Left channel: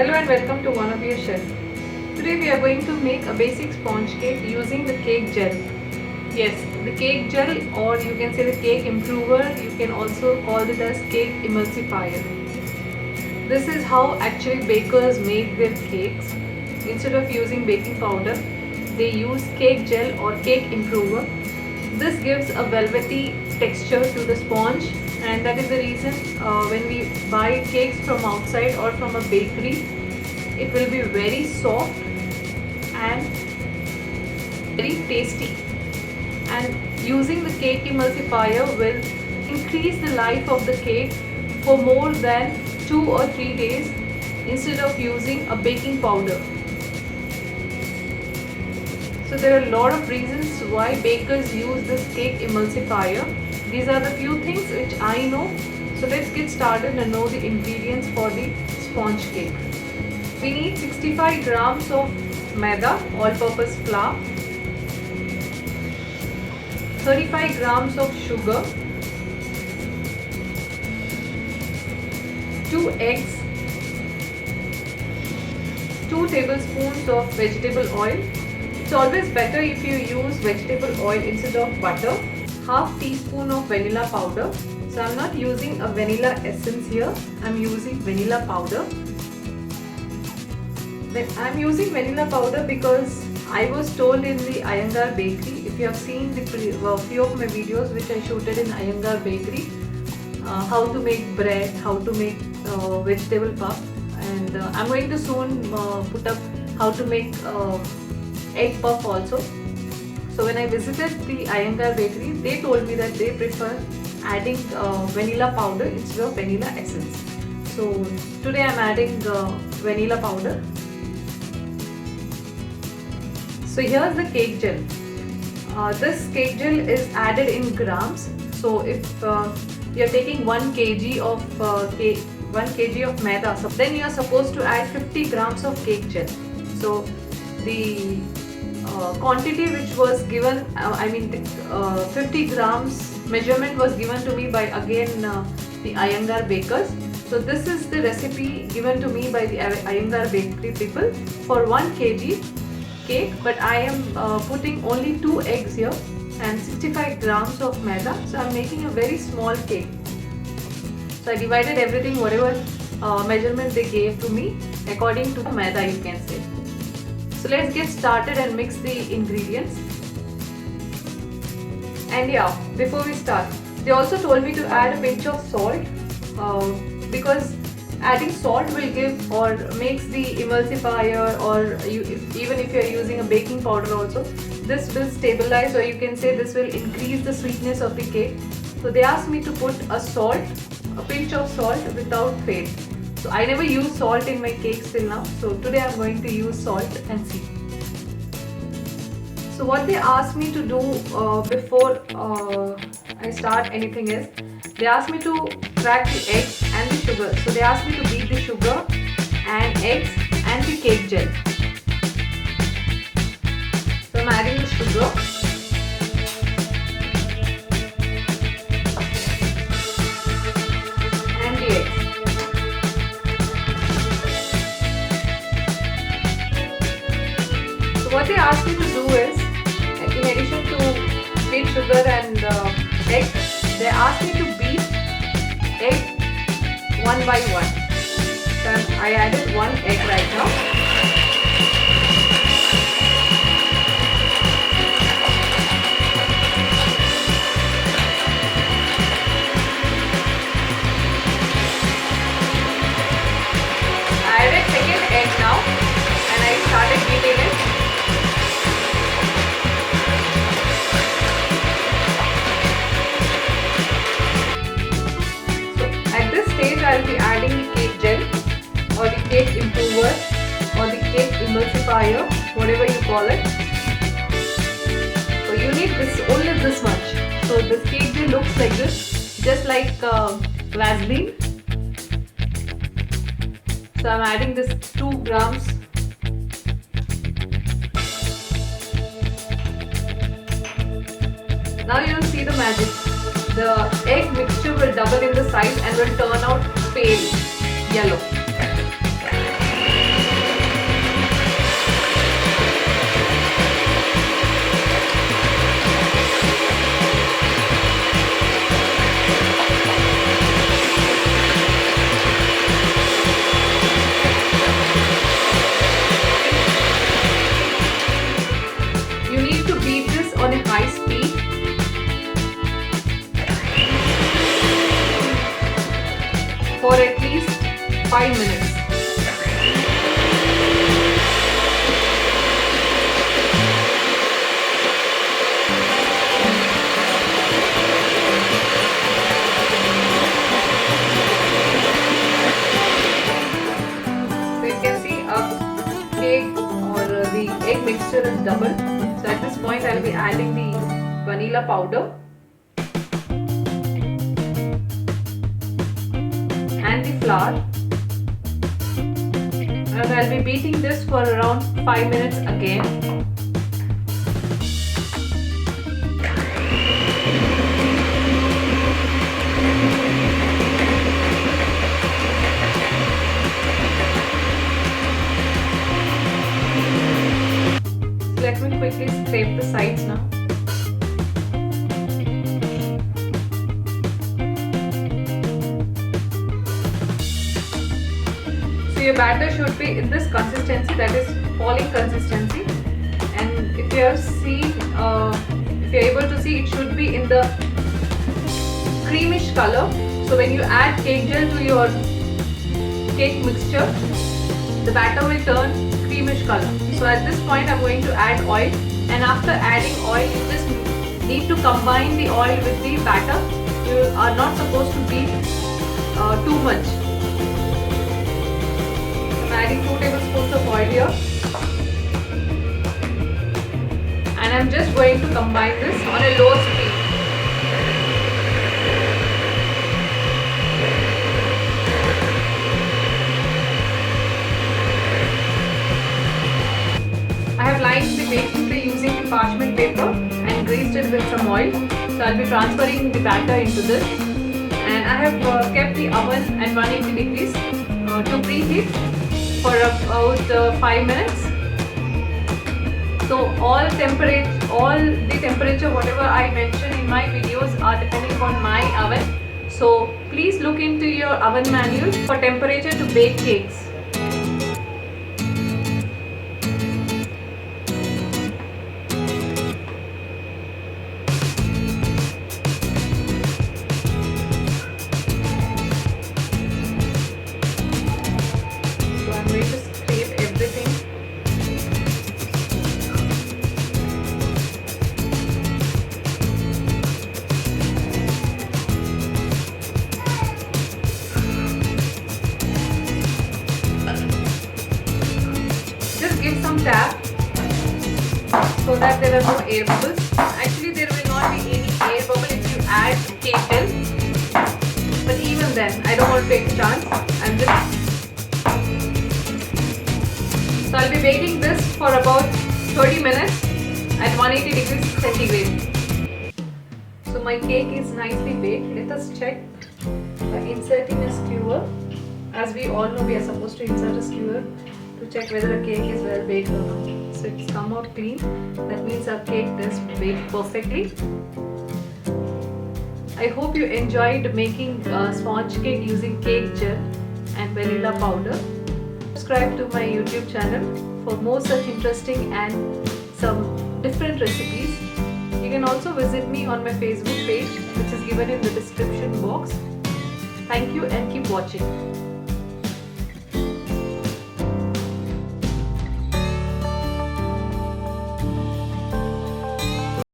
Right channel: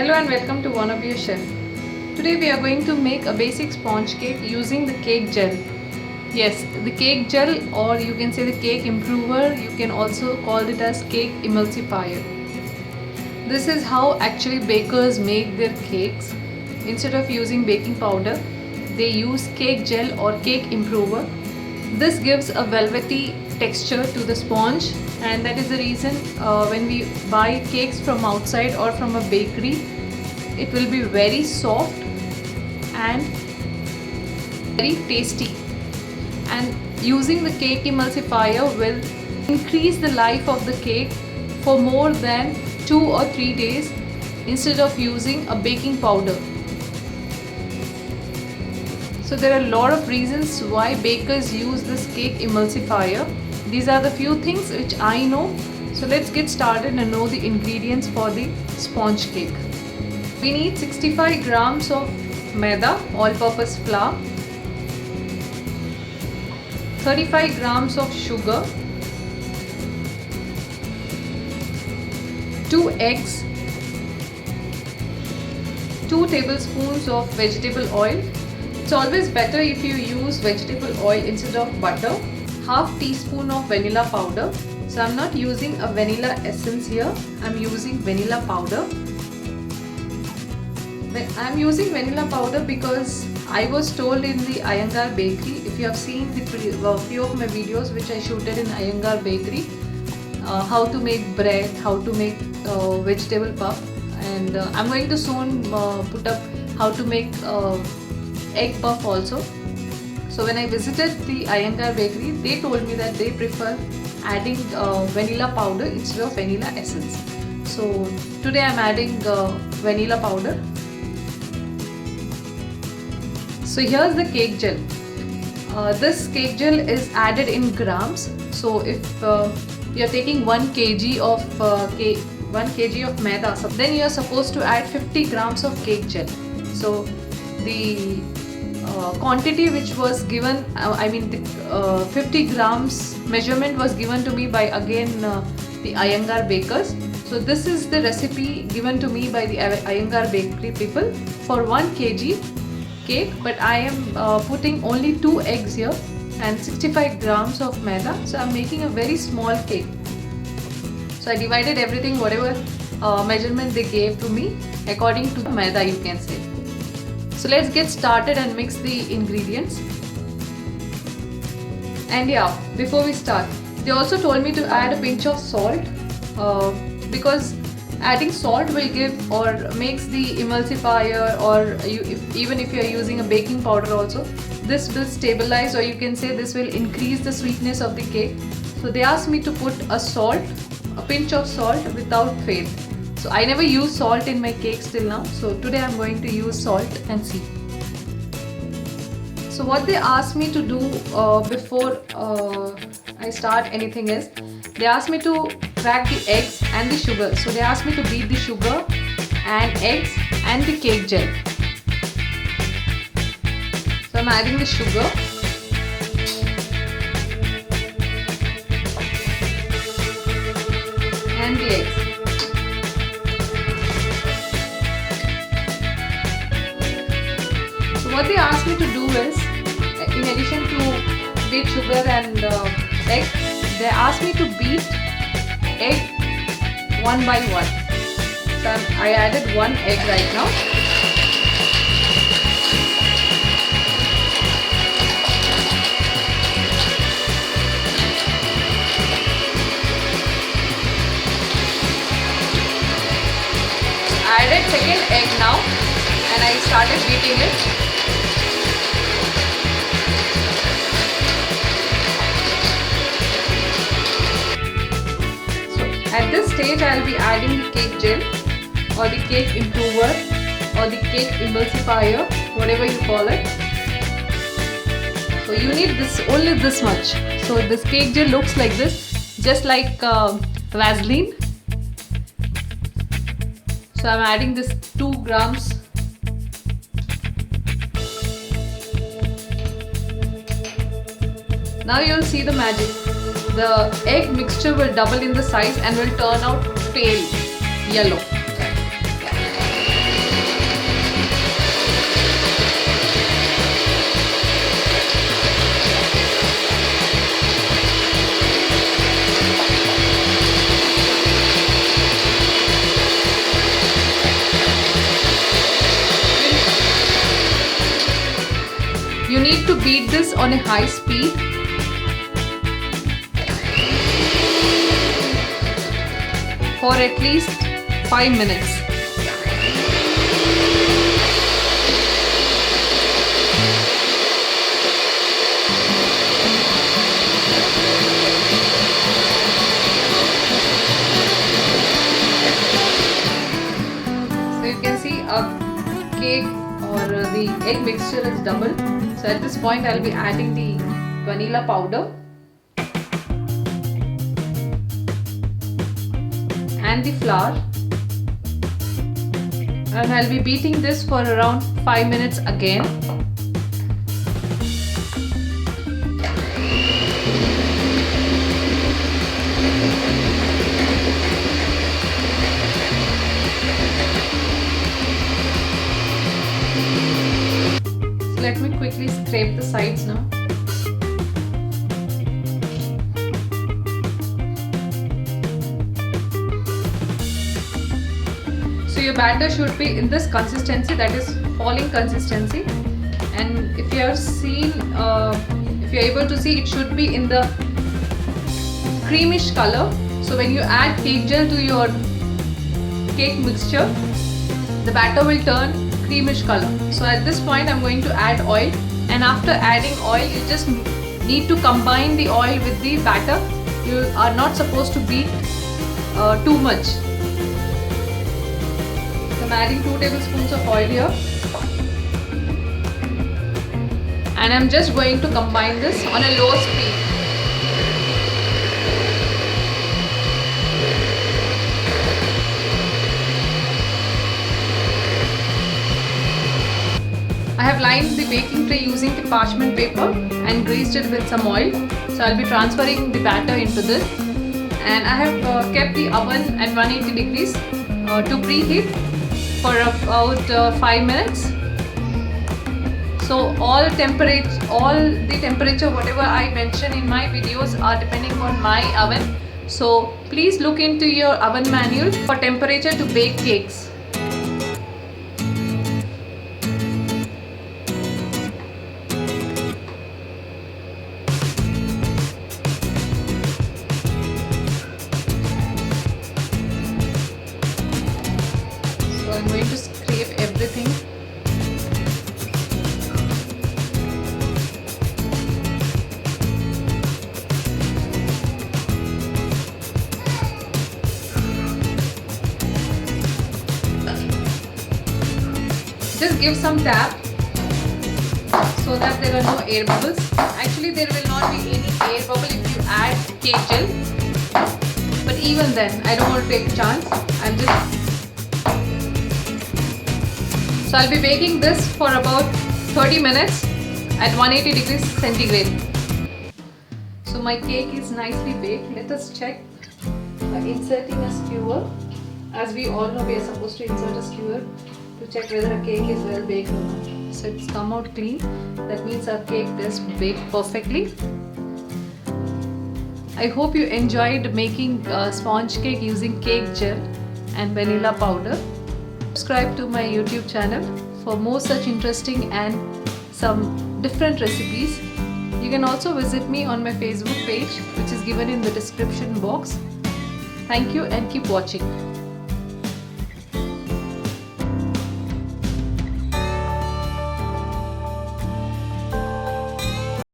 Hello and welcome to One of Your Chef. Today we are going to make a basic sponge cake using the cake gel. Yes, the cake gel, or you can say the cake improver, you can also call it as cake emulsifier. This is how actually bakers make their cakes. Instead of using baking powder, they use cake gel or cake improver. This gives a velvety texture to the sponge, and that is the reason when we buy cakes from outside or from a bakery, it will be very soft and very tasty. And using the cake emulsifier will increase the life of the cake for more than 2 or 3 days instead of using a baking powder. So there are a lot of reasons why bakers use this cake emulsifier. These are the few things which I know. So let's get started and know the ingredients for the sponge cake. We need 65 grams of maida, all-purpose flour, 35 grams of sugar, 2 eggs, 2 tablespoons of vegetable oil. It's always better if you use vegetable oil instead of butter. Half teaspoon of vanilla powder. So I'm not using a vanilla essence here. I'm using vanilla powder. I'm using vanilla powder because I was told in the Iyengar bakery. If you have seen the few of my videos which I shooted in Iyengar bakery, how to make bread, how to make vegetable puff, and I'm going to soon put up how to make egg puff also. So when I visited the Iyengar bakery, they told me that they prefer adding vanilla powder instead of vanilla essence. So today I'm adding vanilla powder. So here's the cake gel. This cake gel is added in grams. So if you are taking 1 kg of 1 kg of maida, so then you are supposed to add 50 grams of cake gel. So the quantity which was given, 50 grams measurement was given to me by the Iyengar bakers. So this is the recipe given to me by the Iyengar bakery people for 1 kg cake, but I am putting only 2 eggs here and 65 grams of maida. So I'm making a very small cake. So I divided everything, whatever measurement they gave to me, according to the maida, you can say. So let's get started and mix the ingredients. And yeah, before we start, they also told me to add a pinch of salt because adding salt will give or makes the emulsifier, or even if you are using a baking powder also, this will stabilize, or you can say this will increase the sweetness of the cake. So they asked me to put a pinch of salt without fail. So I never use salt in my cakes till now. So today I'm going to use salt and see. So what they asked me to do before I start anything is, they asked me to crack the eggs and the sugar. So they asked me to beat the sugar and eggs and the cake gel. So I'm adding the sugar. And the eggs. So what they asked me to do is, in addition to beat sugar and eggs, they asked me to beat egg one by one. So I added 1 egg right now. I added second egg now and I started beating it. At this stage, I'll be adding the cake gel or the cake improver or the cake emulsifier, whatever you call it. So you need only this much. So this cake gel looks like this, just like Vaseline. So I'm adding this 2 grams. Now you'll see the magic. The egg mixture will double in the size and will turn out pale yellow. need to beat this on a high speed. For at least 5 minutes. So you can see our cake or the egg mixture is double. So at this point I will be adding the vanilla powder and the flour, and I'll be beating this for around 5 minutes again. So let me quickly scrape the sides now. Your batter should be in this consistency, that is falling consistency, and if you are able to see, it should be in the creamish color. So when you add cake gel to your cake mixture, the batter will turn creamish color. So at this point I'm going to add oil, and after adding oil you just need to combine the oil with the batter. You are not supposed to beat too much. Adding 2 tablespoons of oil here, and I'm just going to combine this on a low speed. I have lined the baking tray using the parchment paper and greased it with some oil. So I'll be transferring the batter into this, and I have kept the oven at 180 degrees to preheat for about 5 minutes. So all the temperature whatever I mention in my videos are depending on my oven. So please look into your oven manual for temperature to bake cakes. Going to scrape everything. Just give some tap so that there are no air bubbles. Actually there will not be any air bubble if you add cake gel, but even then I don't want to take a chance. So I'll be baking this for about 30 minutes at 180 degrees centigrade. So my cake is nicely baked. Let us check by inserting a skewer. As we all know, we are supposed to insert a skewer to check whether a cake is well baked or not. So it's come out clean. That means our cake is baked perfectly. I hope you enjoyed making sponge cake using cake gel and vanilla powder. Subscribe to my YouTube channel for more such interesting and some different recipes. You can also visit me on my Facebook page, which is given in the description box. Thank you and keep watching.